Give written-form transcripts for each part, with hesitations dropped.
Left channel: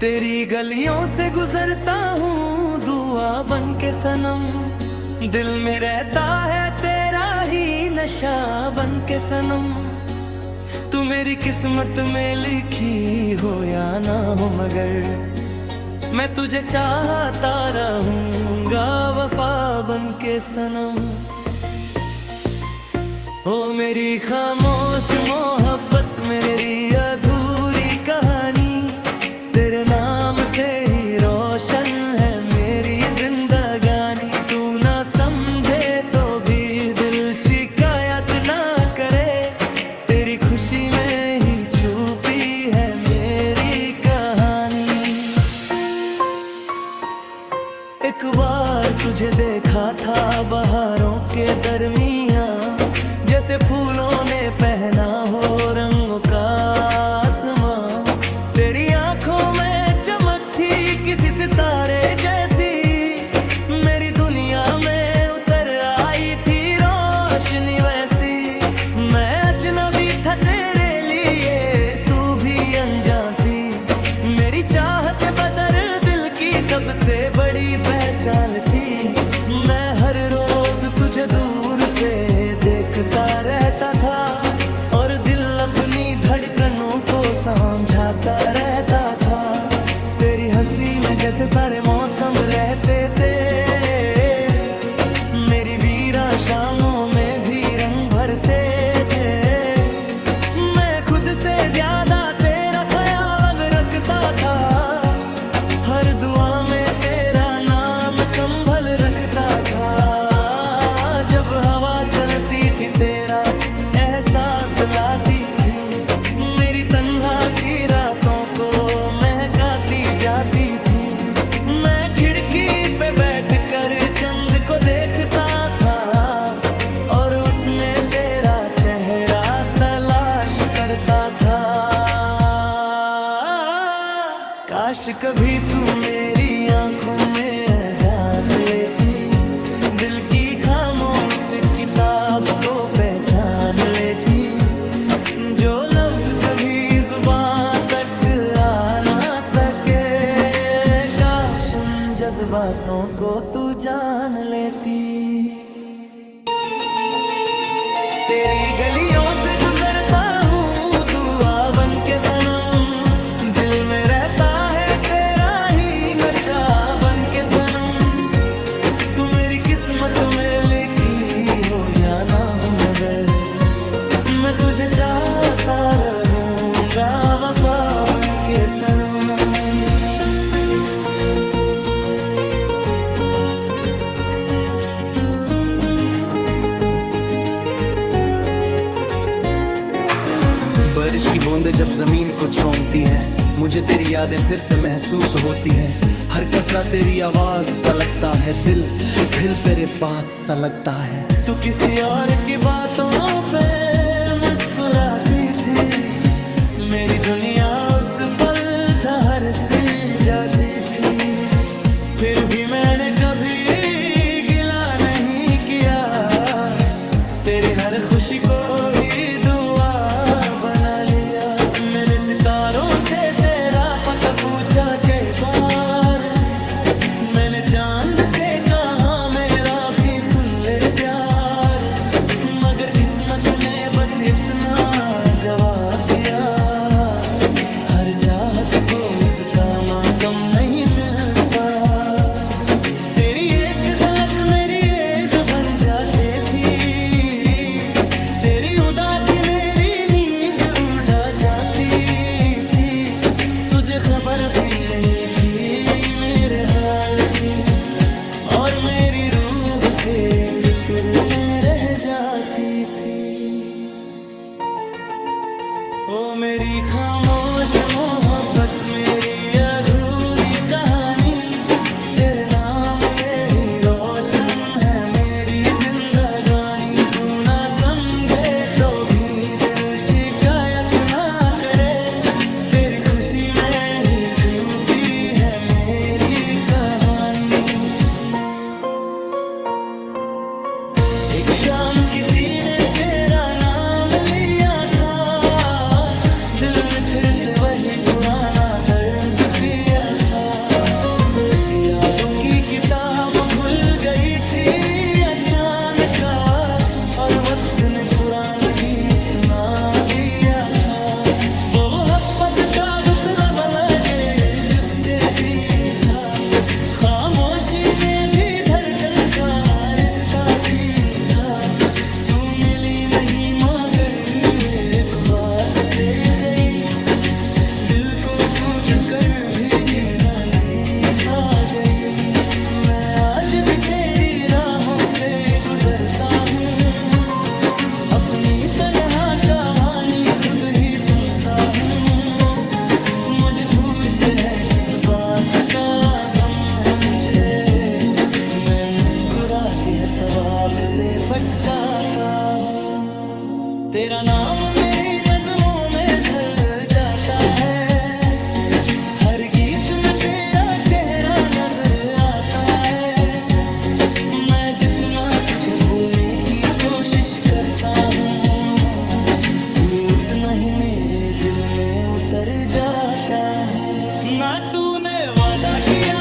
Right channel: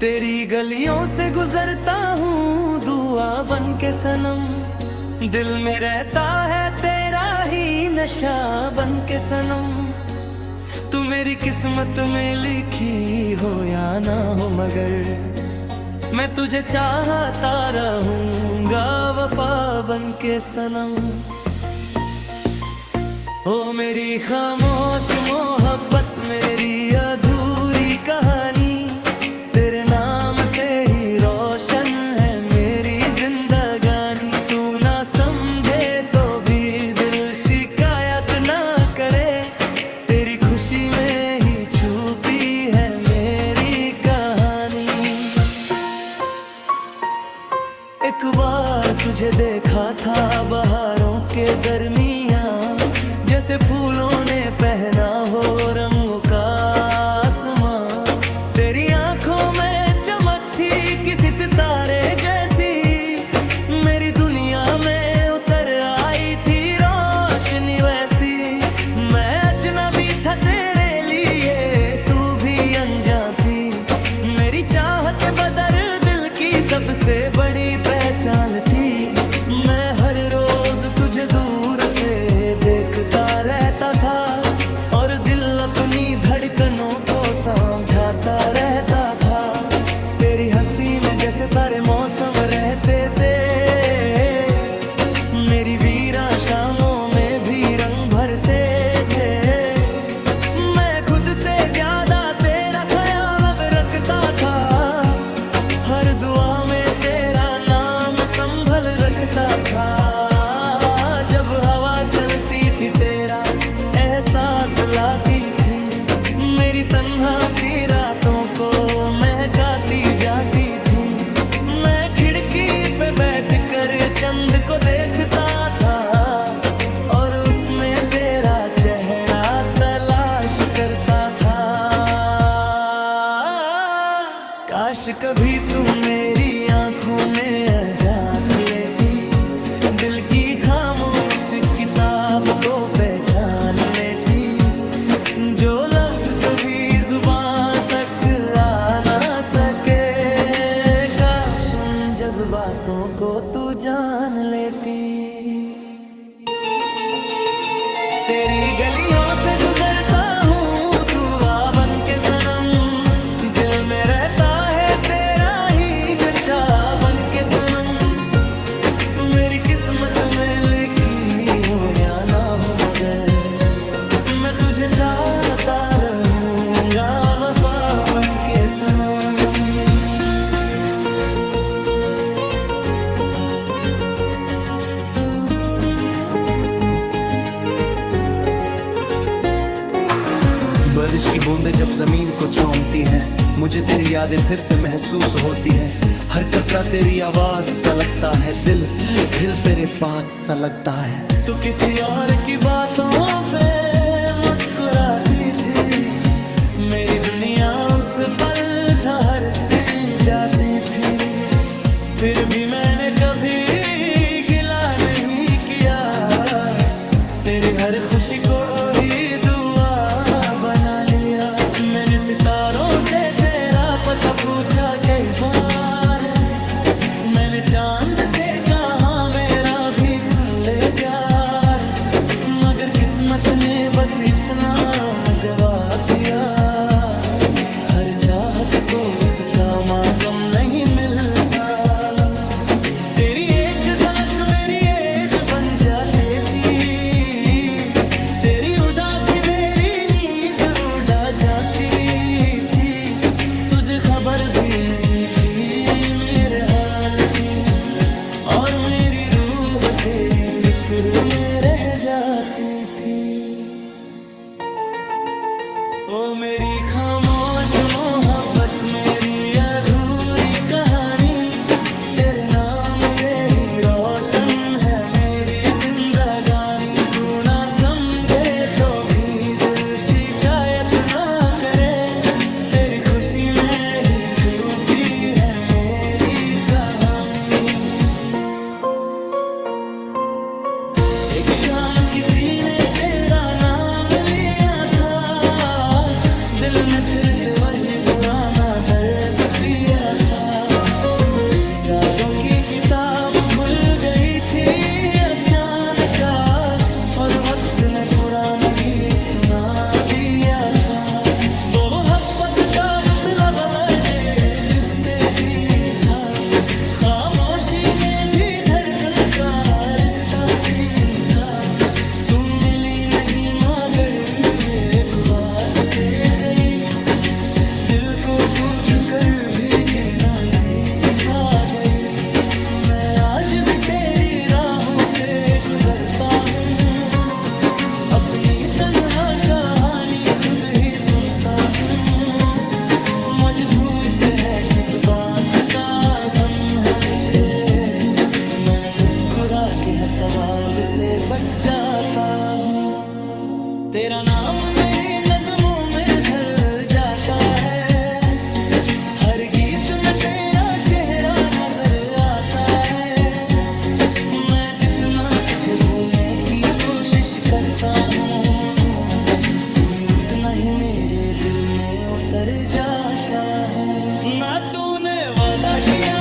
तेरी गलियों से गुजरता हूँ दुआ बन के सनम, दिल में रहता है तेरा ही नशा बन के सनम। तू मेरी किस्मत में लिखी हो या ना हो, मगर मैं तुझे चाहता रहूंगा वफा बन के सनम। ओ मेरी खामोश मोहब्बत, मेरी अधूरी कहानी, तेरे नाम से ही रोशन है मेरी जिंदगानी। तू ना समझे तो भी दिल शिकायत ना करे, तेरी खुशी में ही छुपी है मेरी कहानी। एक बार तुझे देखा था बहारों के दरमियां, जैसे फूलों ने पहना हो रंगों का आसमां। तेरी आंखों में चमक थी किसी सितारे जैसी, मेरी दुनिया में उतर आई थी रोशनी वैसी। मैं अजनबी था तेरे लिए, तू भी अनजान थी, मेरी चाहत बदर दिल की सबसे बड़ी पहचान थी। मैं हर रोज तुझे दूर से देखता रहता था, और दिल अपनी धड़कनों को समझाता रहता था। तेरी हंसी में जैसे सारे मौसम रहते थे, मेरी वीरा शामों में भी रंग भरते थे। मैं खुद से ज्यादा तेरा ख्याल अब रखता था, हर दुआ में तेरा नाम संभल रखता था। जब हवा चलती थी तेरा एहसास लाती थी, मेरी तन्हा सी रातों को महकाती जाती थी। मैं खिड़की पे बैठकर चंद को देखता था, और उसमें तेरा चेहरा तलाश करता था। काश कभी तू मेरी आंखों में झांक लेती, दिल की खामोश किताब को पहचान लेती। जो लफ्ज कभी जुबान तक आ ना सके, काश उन जज्बातों को तू जान लेती। तेरी गलियों से गुजरता हूँ दुआ बन के सनम, दिल में रहता है तेरा ही नशा बन के सनम। तू मेरी किस्मत में लिखी हो या ना हो, मगर मैं तुझे चाहता रहूंगा वफा बन के सनम। बारिश की बूंदें जब जमीन को चूमती हैं, मुझे तेरी यादें फिर से महसूस होती हैं। हर कतरा तेरी आवाज सा लगता है, दिल तेरे पास सा लगता है। तू किसी और की बातों पे मुस्कुराती थी, मेरी दुनिया उस पल था हर सी जाती थी। फिर भी मैंने कभी गिला नहीं किया, तेरी हर खुशी को ही दुआ बना लिया। मैंने सितारों से तेरा पता पूछा कई बार, मैंने चांद से कहा मेरा भी सुन ले प्यार, मगर किस्मत ने बस इतना जवाब दिया। हर चाहत को उसका मातम नहीं मिलता, तेरी एक झलक मेरी ऐड बन जाती थी, तेरी उदासी मेरी नींद उड़ा जाती थी। तुझे खबर भी नहीं थी मेरे हाल की, और मेरी रूह तेरी फिक्र में रह जाती थी। ओ मेरी खामोश मोहब्बत, मेरी अधूरी कहानी, तेरे नाम से ही रोशन है मेरी जिंदगानी। तू ना समझे तो भी दिल शिकायत ना करे, तेरी खुशी में ही छुपी है मेरी कहानी। एक शाम किसी ने तेरा नाम लिया था, दिल ने फिर से वही पुराना दर्द पिया यादों की किताब खुल गई थी अचानक, और वक्त ने पुराना गीत सुना दिया था। वो मोहब्बत का मतलब लगे जुझसे सीखा, खामोशी में भी धड़कन का रिश्ता सीखा। तू मिली नहीं मगर एक बात दे गई, दिल को टूट कर भी जीना सीखा गई। मैं आज भी तेरी राहों से गुजरता हूँ, अपनी तन्हा कहानी खुद ही सुनता हूँ। मुझे पूछते हैं किस बात का गम है मुझे, मैं मुस्कुरा के हर सवाल से बच जाता हूँ। तेरा नाम मेरी नज़मों में ढल जाता है, हर गीत में तेरा चेहरा नजर आता है। मैं जितना तुझे भूलने की कोशिश करता हूँ, टूटना ही मेरे दिल में उतर जाता है। ना तूने वादा किया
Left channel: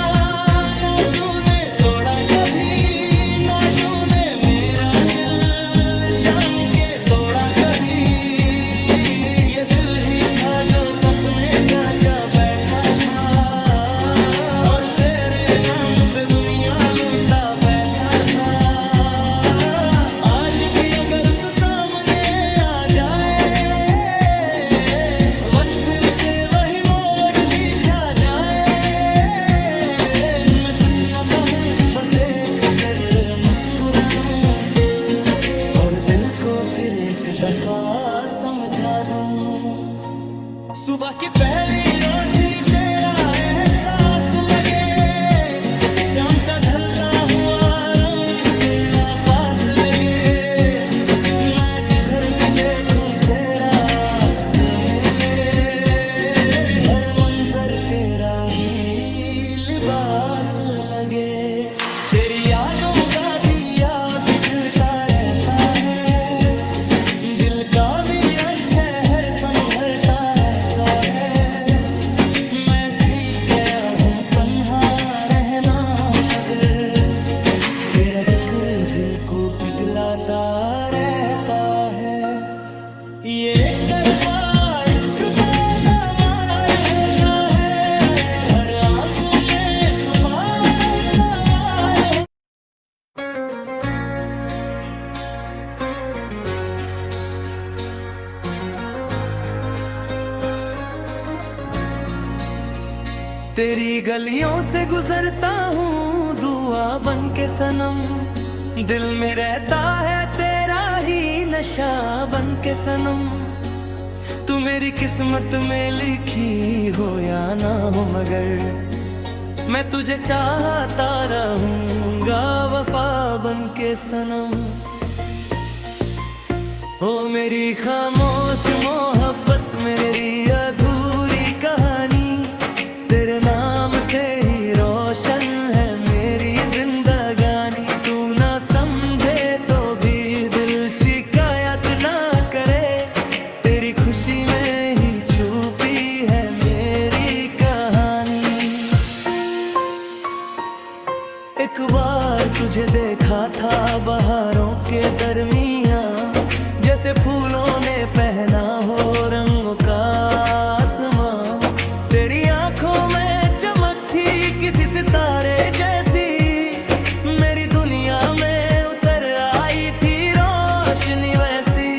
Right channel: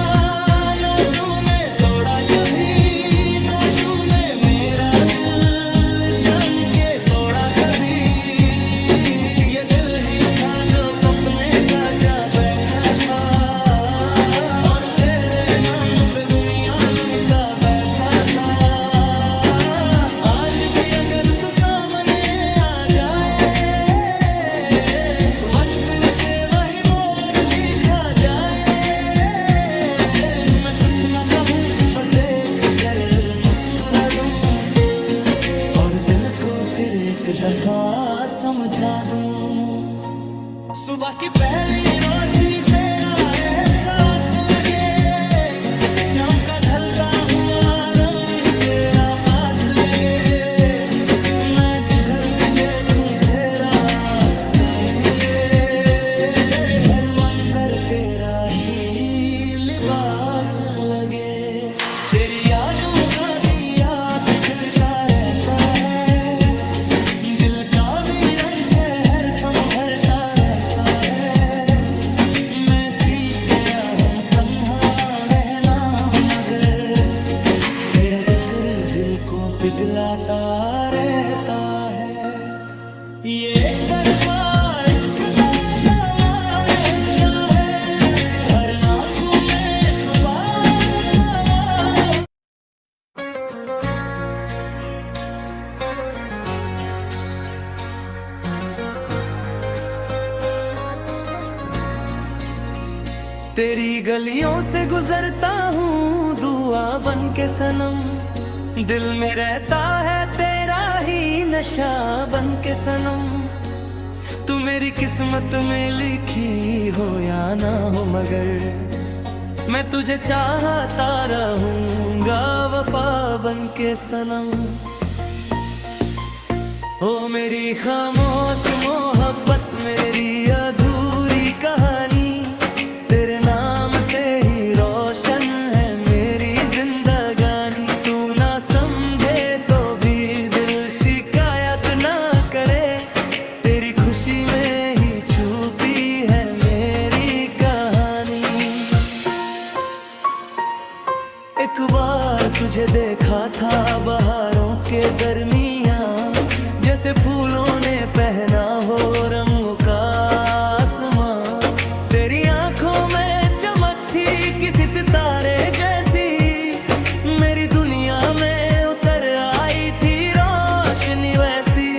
ना तूने तोड़ा कभी, ना तूने मेरा दिल जान के तोड़ा कभी। ये दिल ही था जो सपने सजा बैठा था, और तेरे नाम पे दुनिया लूटा बैठा था। आज भी अगर तू सामने आ जाए, वक्त फिर से वही मोड़ दिखा जाए। मैं कुछ ना कहूँ बस देख कर मुस्कुरा दूं, और दिल को फिर एक दफा समझा दूं। सुबह की पहली रोशनी तेरा एहसास लगे, शाम का ढलता हुआ रंग तेरा पास लगे। मैं जिधर भी देखूं तेरा अक्स मिले, हर मंजर तेरा ही लिबास लगे। तेरी यादों का दिया बिजलता रहता है, दिल का वीरान शहर संभलता रहता है। मैं सीख गया हूँ तन्हा रहना मगर तेरा जिक्र दिल को पिघलाता रहता है। ये एक तरफा इश्क का दामार होता है, हर आंसू में छुपा सवार हो। तेरी गलियों से गुजरता हूँ दुआ बन के सनम, दिल में रहता है तेरा ही नशा बन के सनम। तू मेरी किस्मत में लिखी हो या ना हो मगर मैं तुझे चाहता रहूँगा वफा बन के सनम। ओ मेरी खामोश मोहब्बत मेरी अधूरी कहानी, तेरे नाम से ही रोशन है मेरी जिंदगानी। तू ना समझे तो भी दिल शिकायत ना करे, तेरी खुशी में ही छुपी है मेरी कहानी। एक बार तुझे देखा था बहारों के दरमियाँ, जैसे फूलों ने पहना हो रंगों का आसमां। तेरी आंखों में चमक थी किसी सितारे जैसी, मेरी दुनिया में उतर आई थी रोशनी वैसी।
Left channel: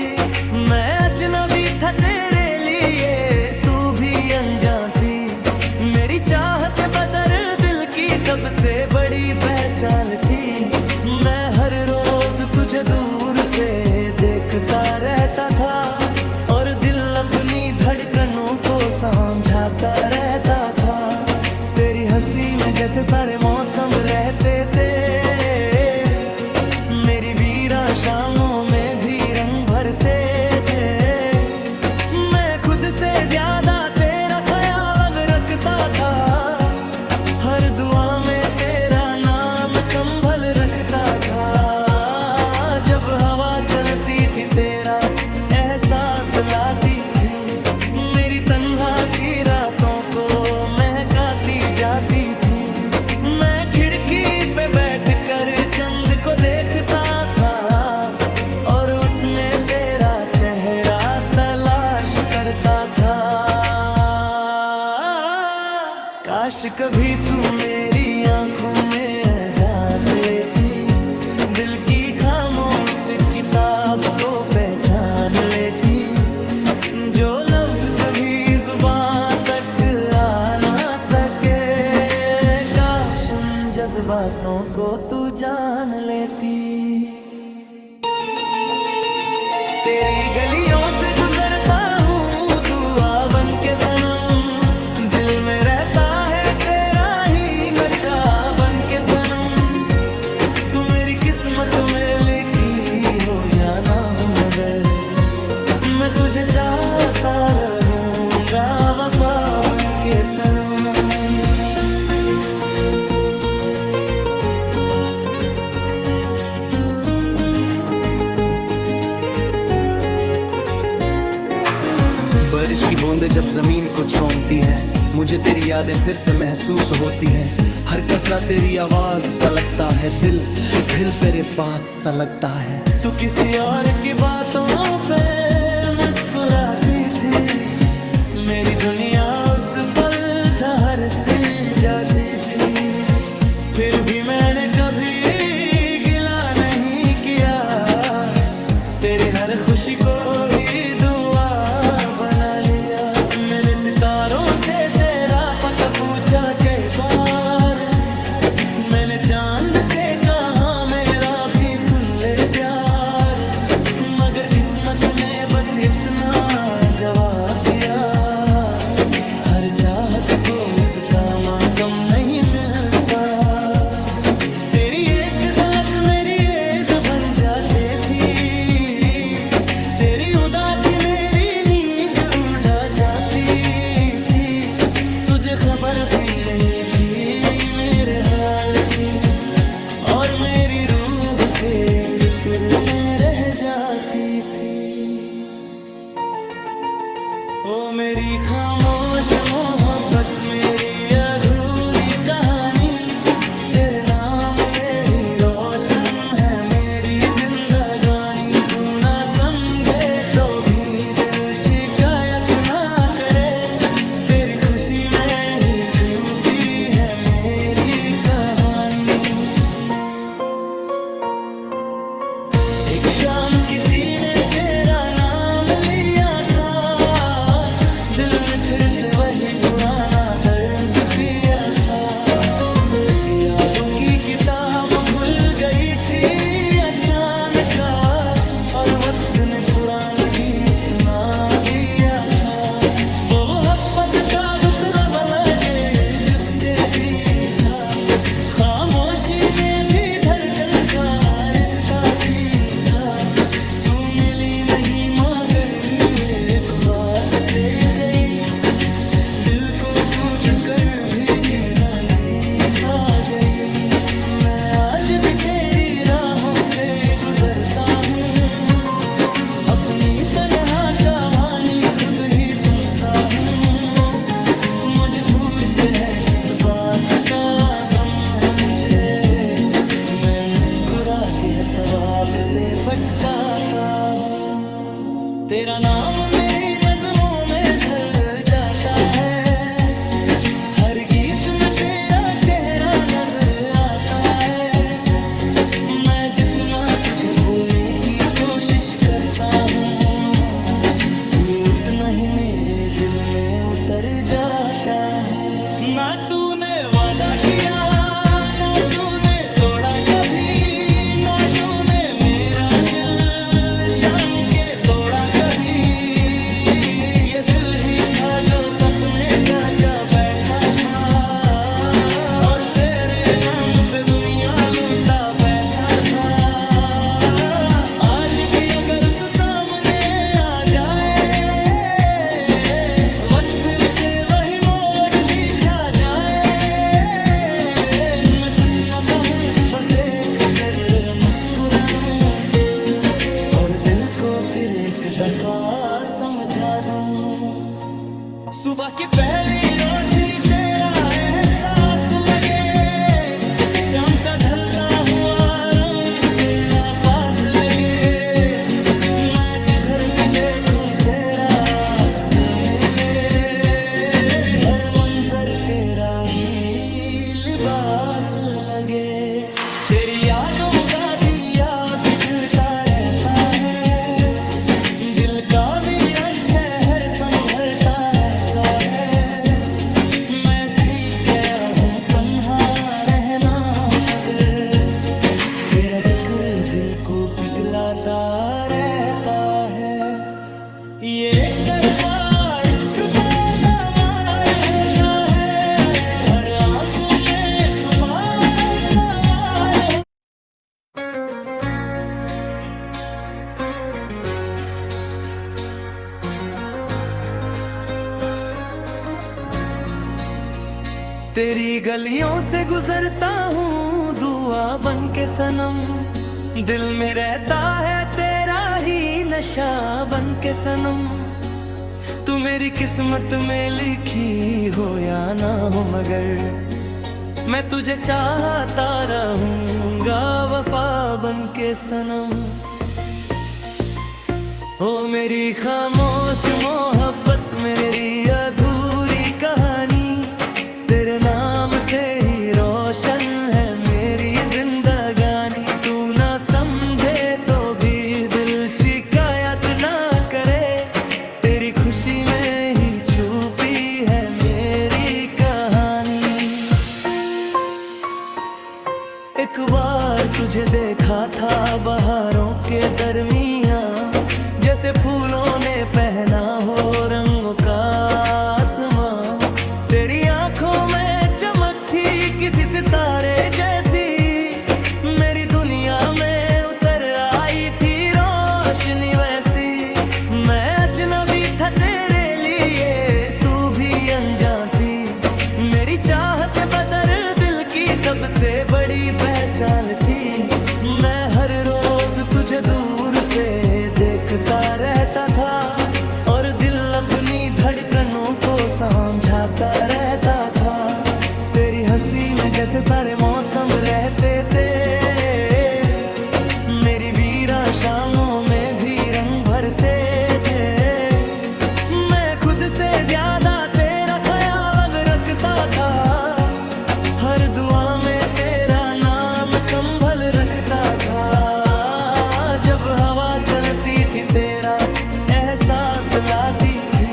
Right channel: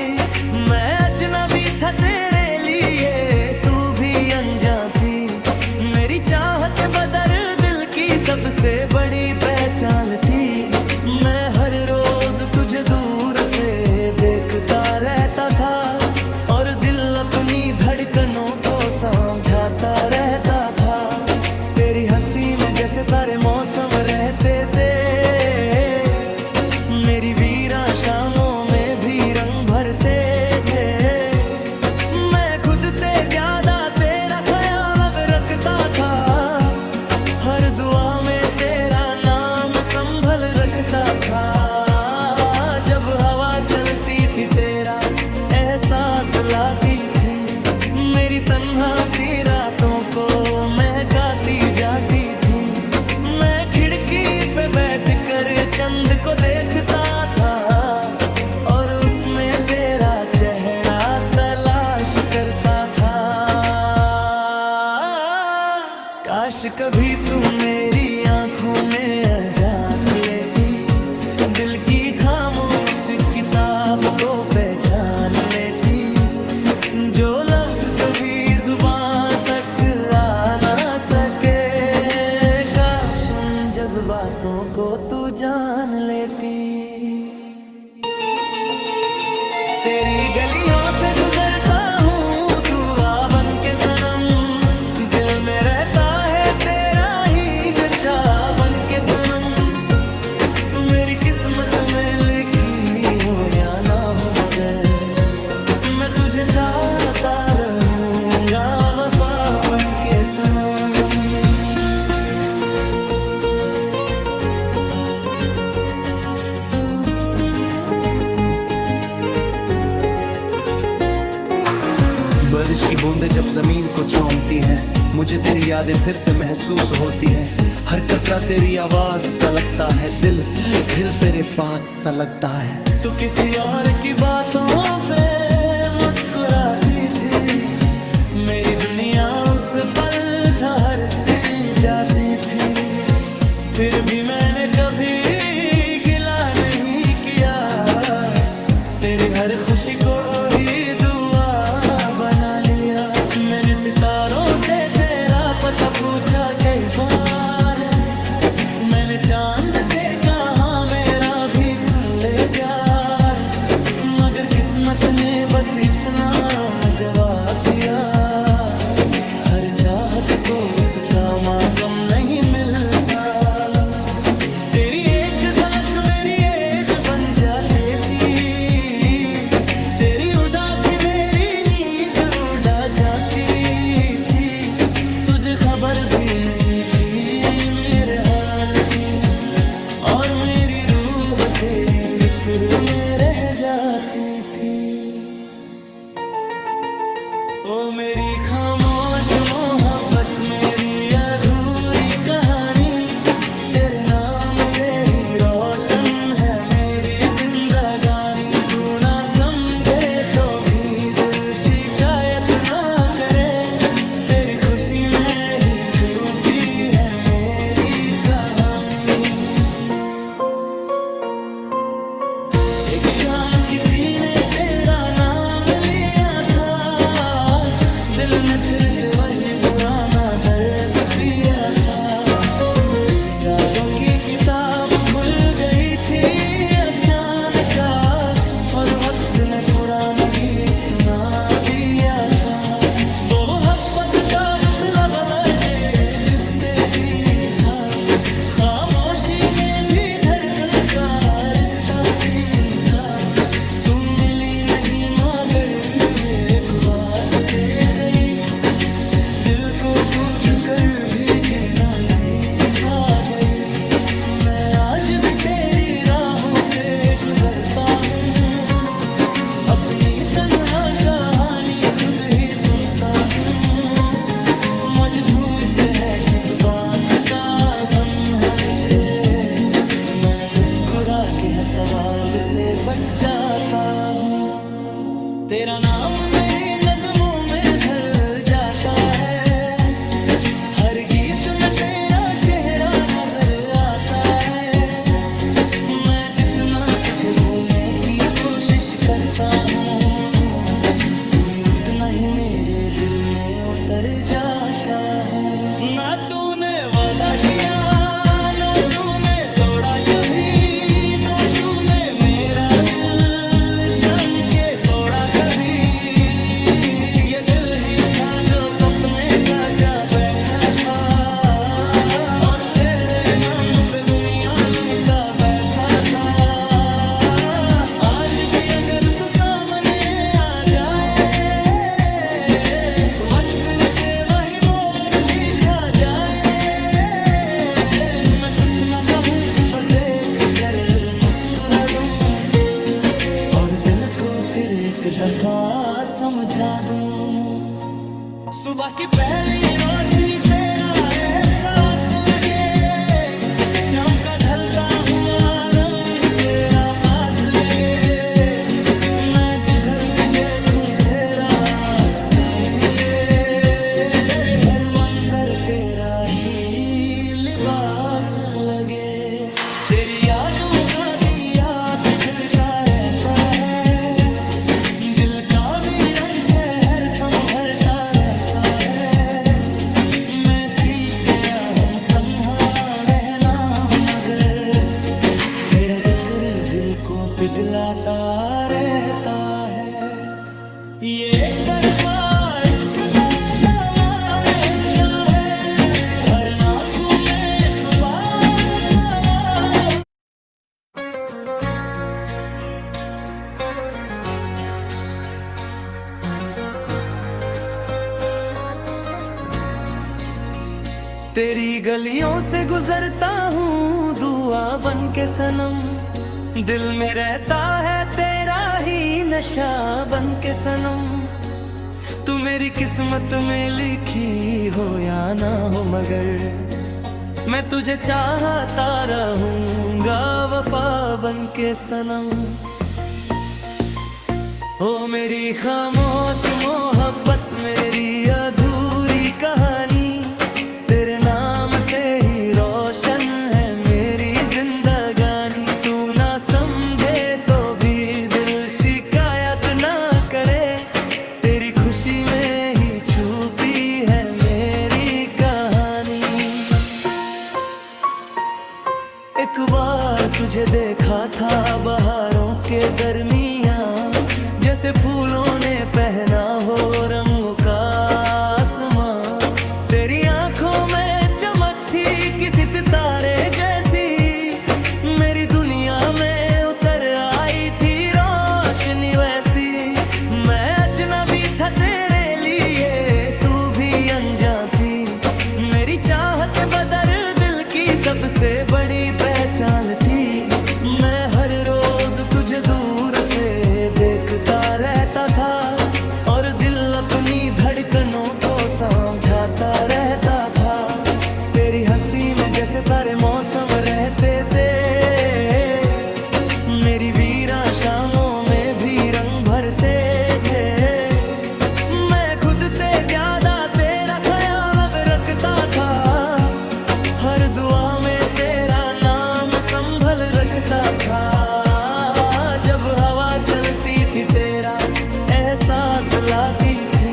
मैं अजनबी था तेरे लिए, तू भी अनजान थी। मेरी चाहत बदर दिल की सबसे बड़ी पहचान थी। मैं हर रोज तुझे दूर से देखता रहता था, और दिल अपनी धड़कनों को समझाता रहता था। तेरी हंसी में जैसे सारे मौसम रहते थे, मेरी वीरा शामों में भी रंग भरते थे। मैं खुद से ज्यादा तेरा ख्याल अब रखता था, हर दुआ में तेरा नाम संभल रखता था। जब हवा चलती थी तेरा एहसास लाती थी, मेरी तन्हा सी रातों को महकाती जाती थी। मैं खिड़की पे बैठकर चंद को देखता था और उसमें तेरा चेहरा तलाश करता था। काश कभी तू मेरी आंखों में झांक लेती, दिल की खामोश किताब को पहचान लेती, जो लफ्ज कभी जुबान तक आ ना सके। काश उन जज्बातों को तू जान लेती। तेरी गलियों से गुजरता हूँ दुआ बन के सनम, दिल में रहता है तेरा ही नशा बन के सनम। तू मेरी किस्मत में लिखी हो या ना हो, मगर मैं तुझे चाहता रहूंगा वफा बन के सनम। बारिश की बूंदें जब जमीन को चूमती हैं, मुझे तेरी यादें फिर से महसूस होती हैं। हर कतरा तेरी आवाज सा लगता है, दिल तेरे पास सा लगता है। तू किसी और की बातों पे मुस्कुराती थी, मेरी दुनिया उस पल ठहर सी जाती थी। फिर भी मैंने कभी गिला नहीं किया, तेरी हर खुशी को ही दुआ बना लिया। मैंने सितारों से तेरा पता पूछा कई बार, मैंने चांद से कहा मेरा भी सुन ले प्यार, मगर किस्मत ने बस इतना जवाब दिया। हर चाहत को उसका मातम नहीं मिलता। तेरी एक झलक मेरी ईद बन जाती थी, तेरी उदासी मेरी नींद उड़ा जाती थी। तुझे खबर भी नहीं थी मेरे हाल की, और मेरी रूह तेरी फिक्र में रह जाती थी। ओ मेरी खामोश मोहब्बत, मेरी अधूरी कहानी, तेरे नाम से ही रोशन है मेरी जिंदगानी। तू ना समझे तो भी दिल शिकायत ना करे, तेरी खुशी में ही छुपी है मेरी कहानी। एक शाम किसी ने तेरा नाम लिया था, दिल ने फिर से वही पुराना दर्द पिया था। यादों की किताब खुल गई थी अचानक, और वक्त ने पुराना गीत सुना दिया था। वो मोहब्बत का मतलब लगे जुझसे सीखा, खामोशी में भी धड़कन का रिश्ता सीखा। तू मिली नहीं मगर एक बात दे गई, दिल को कूट कर भी जीना सीखा गई। मैं आज भी तेरी राहों से गुजरता हूँ, अपनी तन्हा कहानी खुद ही सुनता हूँ। मुझे पूछते हैं किस बात का गम है मुझे, मैं मुस्कुरा के हर सवाल से बच जाता हूँ। तेरा नाम मेरी नज़मों में ढल जाता है, हर गीत में तेरा चेहरा नजर आता है। मैं जितना तुझे भूलने की कोशिश करता हूँ, तू उतना ही मेरे दिल में उतर जाता है। ना तूने वादा किया, ना तूने तोड़ा कभी, ना तूने मेरा दिल जान के तोड़ा कभी। ये दिल ही था जो सपने सजा बैठा था, और तेरे नाम पे दुनिया लूटा बैठा था। आज भी अगर तू सामने आ जाए, वक्त फिर से वही मोड़ दिखा जाए। मैं कुछ ना कहूँ बस देख कर मुस्कुरा दूं, और दिल को फिर एक दफा समझा दूं। सुबह की पहली रोशनी तेरा एहसास लगे, शाम का ढलता हुआ रंग तेरा पास लगे, मैं जिधर भी देखूं तेरा अक्स मिले, हर मंजर तेरा ही लिबास लगे। तेरी यादों का दिया बिजलता रहता है, दिल का वीरान शहर संभलता रहता है। मैं सीख गया हूँ तन्हा रहना, मगर तेरा जिक्र दिल को पिघलाता रहता है। ये एक तरफा इश्क का दामार होता है, हर आंसू में छुपा सवार हो। तेरी गलियों से गुजरता हूँ दुआ बन के सनम, दिल में रहता है तेरा ही नशा बन के सनम। तू मेरी किस्मत में लिखी हो या ना हो, मगर मैं तुझे चाहता रहूंगा वफा बन के सनम। ओ मेरी खामोश मोहब्बत, मेरी अधूरी कहानी, तेरे नाम से ही रोशन है मेरी जिंदगानी। तू ना समझे तो भी दिल शिकायत ना करे, तेरी खुशी में ही छुपी है मेरी कहानी। एक बार तुझे देखा था बहारों के दरमियाँ, जैसे फूलों ने पहना हो रंगों का आसमां। तेरी आंखों में चमक थी किसी सितारे जैसी, मेरी दुनिया में उतर आई थी रोशनी वैसी। मैं अजनबी था तेरे लिए, तू भी अनजान थी, मेरी चाहत बदर दिल की सबसे बड़ी पहचान थी। मैं हर रोज तुझे दूर से देखता रहता था, और दिल अपनी धड़कनों को समझाता रहता था। तेरी हंसी में जैसे सारे मौसम रहते थे, मेरी वीरां शामों में भी रंग भरते थे। मैं खुद से ज्यादा तेरा ख्याल अब रखता था, हर दुआ में तेरा नाम संभल रखता था। जब हवा चलती थी तेरा एहसास लाती थी,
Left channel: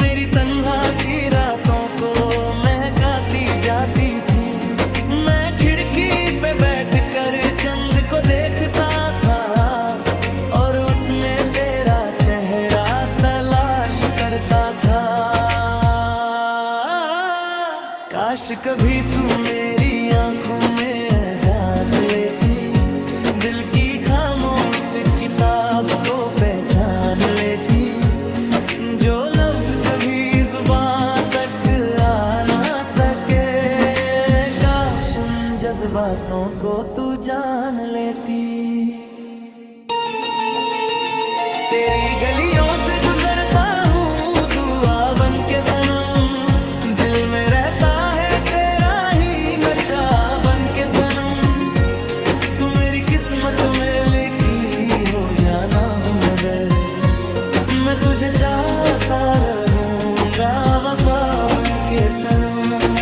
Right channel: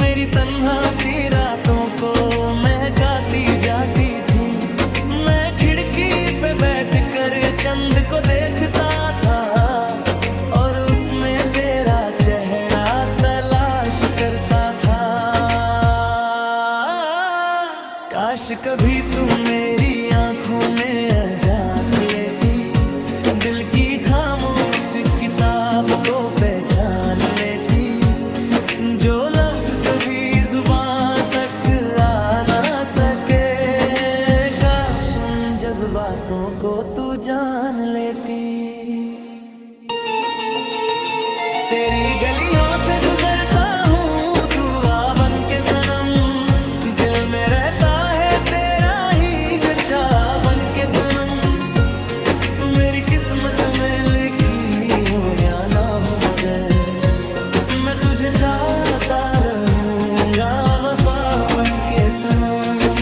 मेरी तन्हा सी रातों को महकाती जाती थी। मैं खिड़की पे बैठकर चंद को देखता था, और उसमें तेरा चेहरा तलाश करता था। काश कभी तू मेरी आंखों में झांक लेती, दिल की खामोश किताब को पहचान लेती। जो लफ्ज कभी जुबान तक आ ना सके, काश उन जज्बातों को तू जान लेती। तेरी गलियों से गुजरता हूँ दुआ बन के सनम, दिल में रहता है तेरा ही नशा बन के सनम। तू मेरी किस्मत में लिखी हो या ना हो, मगर मैं तुझे चाहता रहूंगा वफा बन के सनम।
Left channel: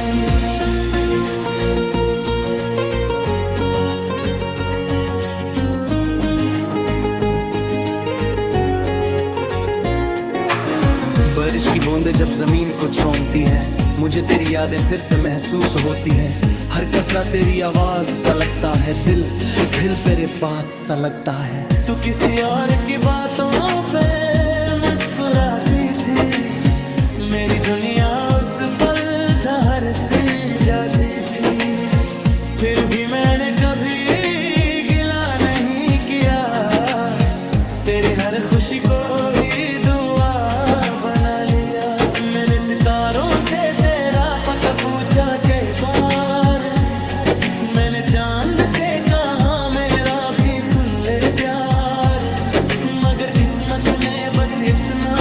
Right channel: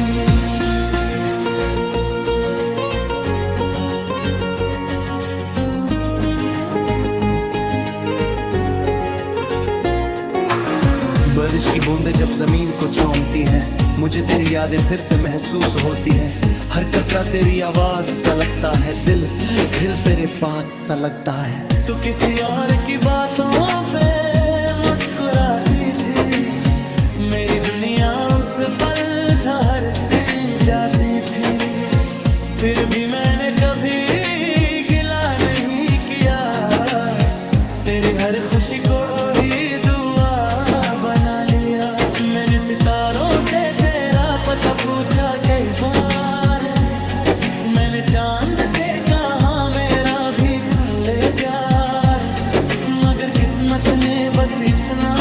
बारिश की बूंदें जब जमीन को चूमती हैं, मुझे तेरी यादें फिर से महसूस होती हैं। हर कतरा तेरी आवाज सा लगता है, दिल तेरे पास सा लगता है। तू किसी और की बातों पे मुस्कुराती थी, मेरी दुनिया उस पल था हर सी जाती थी। फिर भी मैंने कभी गिला नहीं किया, तेरी हर खुशी को ही दुआ बना लिया। मैंने सितारों से तेरा पता पूछा कई बार, मैंने चांद से कहा मेरा भी सुन ले प्यार, मगर किस्मत ने बस इतना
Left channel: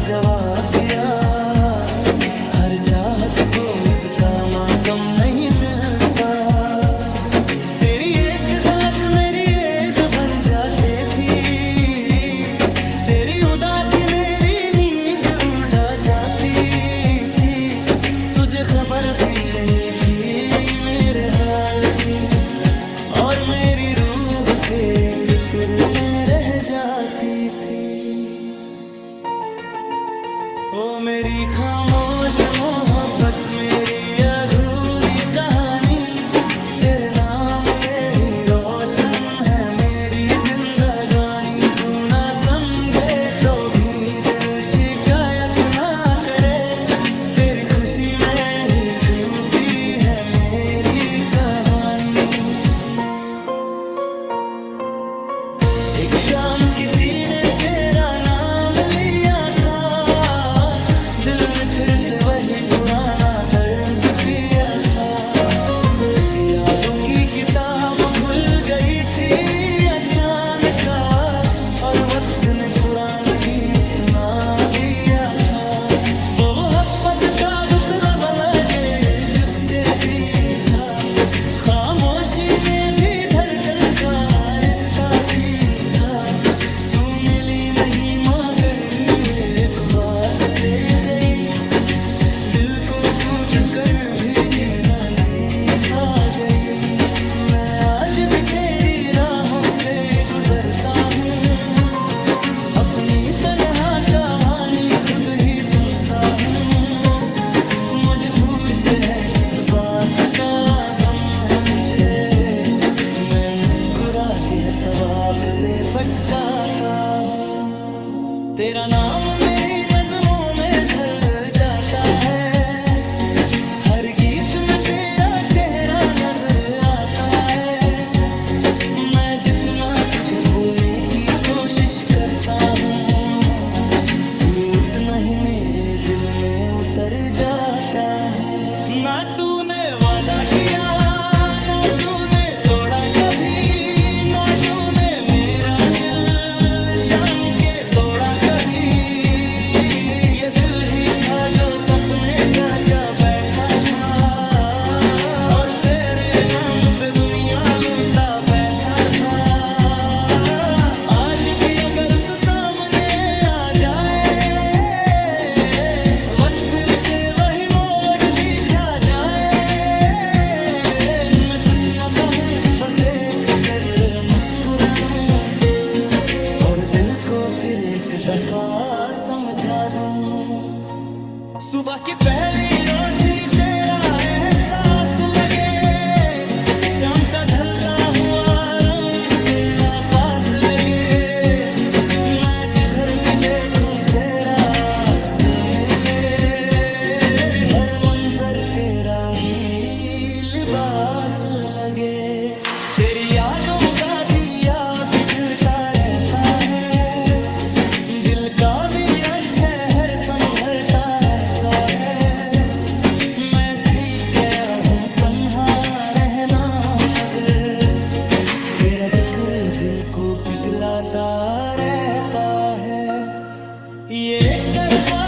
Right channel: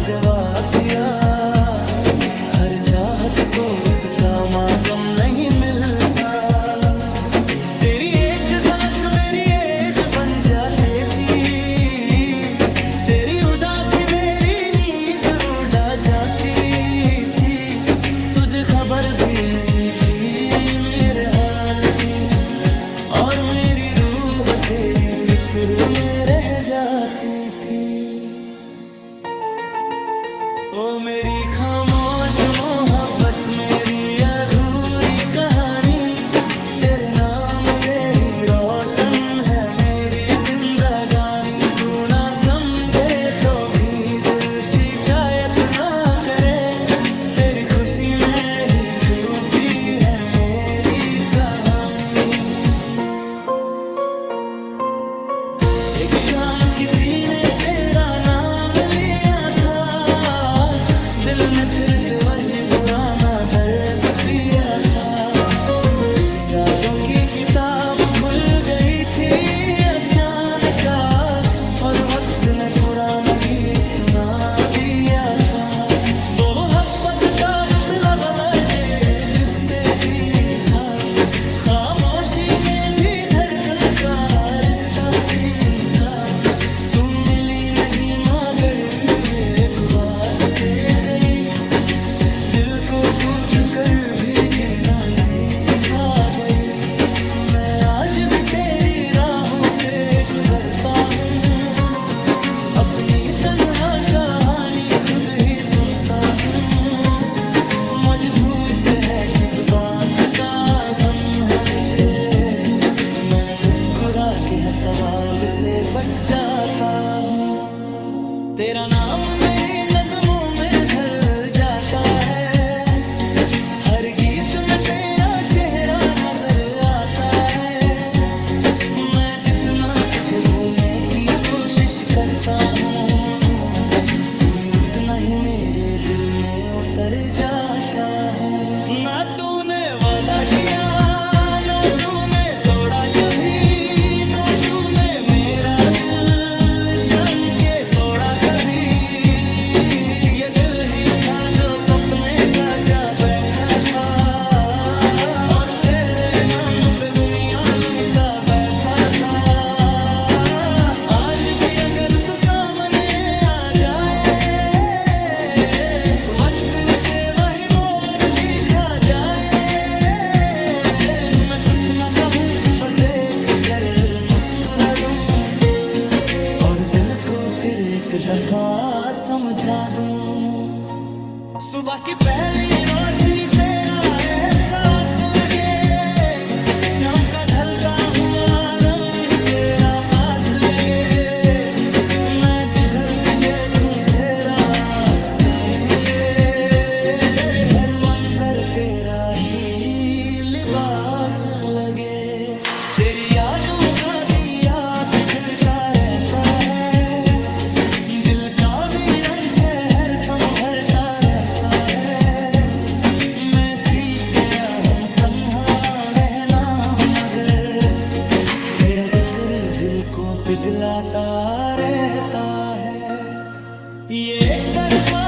जवाब दिया, हर चाहत को उसका मातम नहीं मिलता। आते थी, तेरी उदासी मेरी नींद उड़ा जाती थी। तुझे खबर भी नहीं थी मेरे हाल की, और मेरी रूह तेरी फिक्र में रह जाती थी। ओ मेरी खामोश मोहब्बत, मेरी अधूरी कहानी, तेरे नाम से ही रोशन है मेरी जिंदगानी। तू ना समझे तो भी दिल शिकायत ना करे, तेरी खुशी में ही छुपी है मेरी कहानी। एक शाम किसी ने तेरा नाम लिया था, दिल ने फिर से वही पुराना दर्द पिया था। यादों की किताब खुल गई थी अचानक, और वक्त ने पुराना गीत सुना दिया था। वो मोहब्बत का मतलब लगे जुझसे सीखा, खामोशी में भी धड़कन का रिश्ता सीखा। तू मिली नहीं मगर एक बात दे गई, दिल को कूट कर भी जीना सिखा गई। मैं आज भी तेरी राहों से गुजरता हूँ, अपनी तन्हा कहानी खुद ही सुनता हूँ। मुझे पूछते हैं किस बात का गम है मुझे, मैं मुस्कुरा के हर सवाल से बच जाता हूँ। तेरा नाम मेरी नज़मों में ढल जाता है, हर गीत में तेरा चेहरा नजर आता है। मैं जितना तुझे भूलने की कोशिश करता हूँ, तू उतना ही मेरे दिल में उतर जाता है। ना तूने वादा किया, ना तूने तोड़ा कभी, ना तूने मेरा दिल जान के तोड़ा कभी। ये दिल ही था जो सपने सजा बैठा था, और तेरे नाम पे दुनिया लूटा बैठा था। आज भी अगर तू सामने आ जाए, वक्त फिर से वही मोड़ दिखा जाए। मैं कुछ ना कहूँ बस देख कर मुस्कुरा दूं, और दिल को फिर एक दफा समझा दूं। सुबह की पहली रोशनी तेरा एहसास लगे, शाम का ढलता हुआ रंग तेरा पास लगे। मैं जिधर भी देखूं तेरा अक्स मिले, हर मंजर तेरा ही लिबास लगे। तेरी यादों का दिया बुझता रहता है, दिल का वीरान शहर संभलता रहता है। मैं सीख गया हूँ तन्हा रहना, मगर तेरा जिक्र दिल को पिघलाता रहता है। ये एक तरफा